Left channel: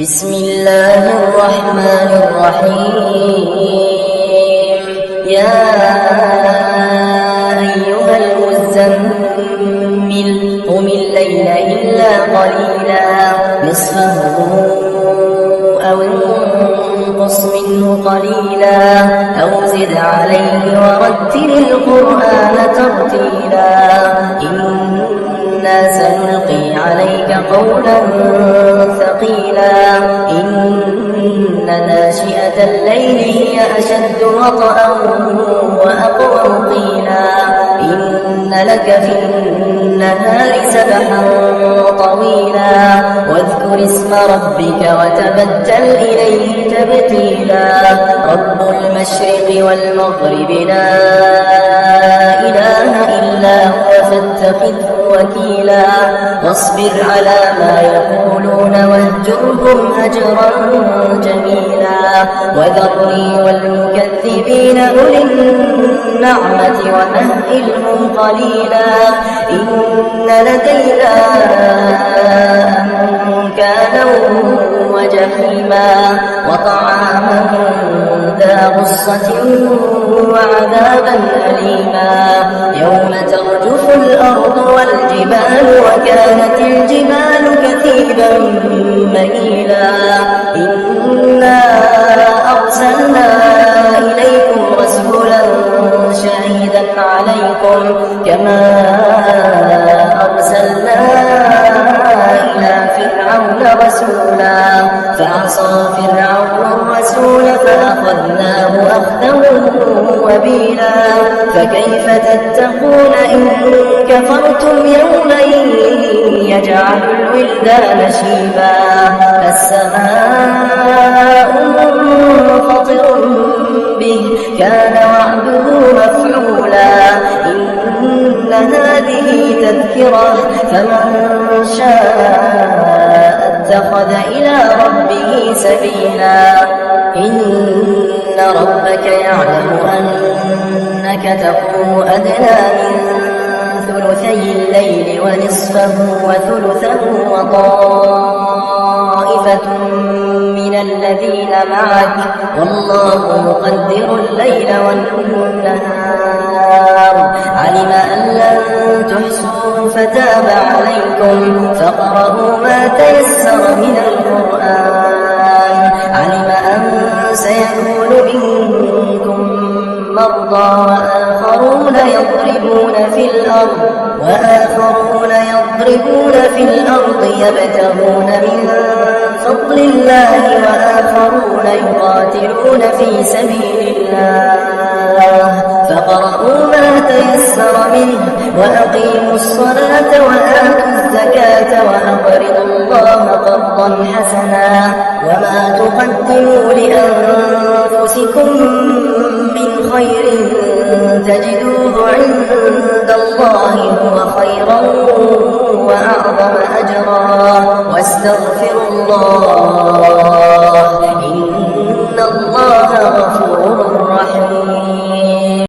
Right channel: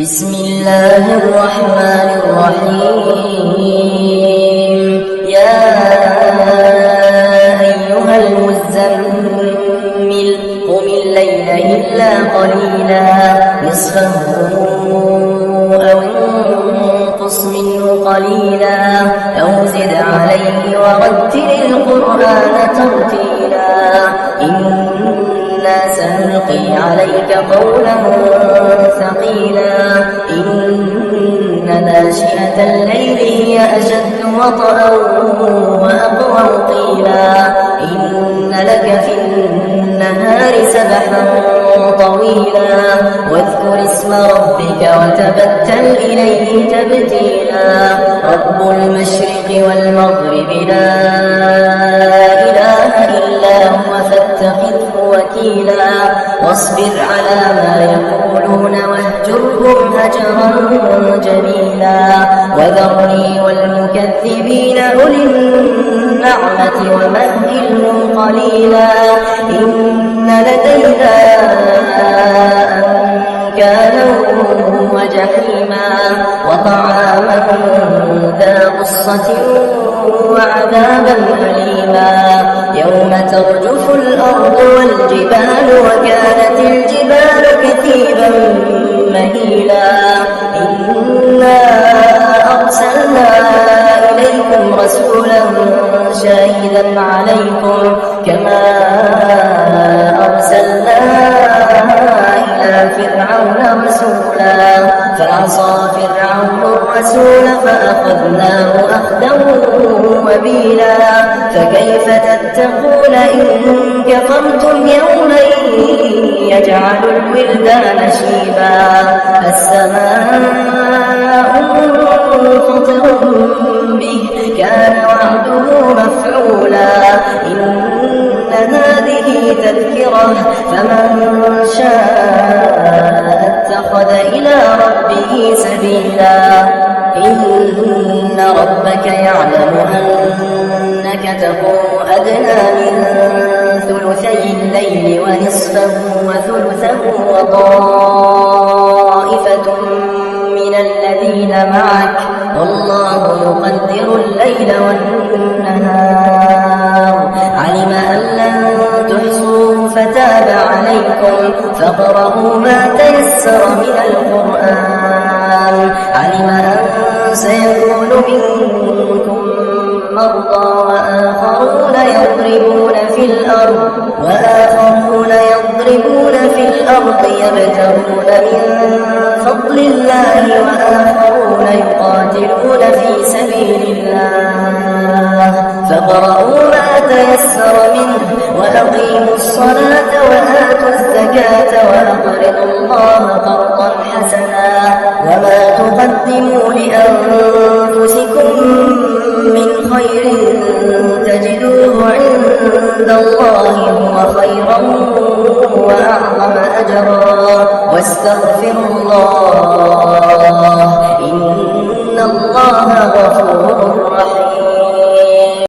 بسم الله الرحمن الرحيم. يا أيها المزمل قم الليل إلا قليلا نصفه أو انقص منه قليلا أو زد عليه ورتل القرآن ترتيلا إنا سنلقي عليك قولا ثقيلا إن ناشئة الليل هي أشد وطئا وأقوم قيلا إن لك في النهار سبحا طويلا واذكر اسم ربك وتبتل إليه تبتيلا رب المشرق والمغرب لا إله إلا هو فاتخذه وكيلا واصبر على ما يقولون واهجرهم هجرا جميلا وذرني والمكذبين أولي النعمة ومهلهم قليلا إن لدينا أنكالا وجحيما وطعاما ذا غصة وعذابا أليما يوم ترجف الأرض والجبال وكانت الجبال كثيبا مهيلا إنا أرسلنا إليكم رسولا شاهدا عليكم كما أرسلنا إلى فرعون رسولا فعصى فرعون الرسول فأخذناه أخذا وبيلا فكيف تتقون إن كفرتم يوما يجعل الولدان شيبا السماء منفطر به كان وعده مفعولا إن هذه تذكرة فمن شاء اتخذ إلى ربه سبيلا إن ربك يعلم أنك تقوم أدنى من ثلثي الليل ونصفه وثلثه وطائفة من الذين معك والله يقدر الليل والنهار علم أن لن تحصوه فتاب عليكم فاقرؤوا ما تيسر من القرآن علم أن سيكون منكم مرضى وآخرون يضربون في الأرض يبتغون من فضل الله وآخرون يقاتلون في سبيل الله فاقرؤوا ما تيسر منه وأقيموا الصلاة وآتوا الزكاة وأقرضوا الله قرضا حسنا وما تقدموا لأنفسكم من خير تجدوه عند الله هو خيرا وأعظم أجرا واستغفروا الله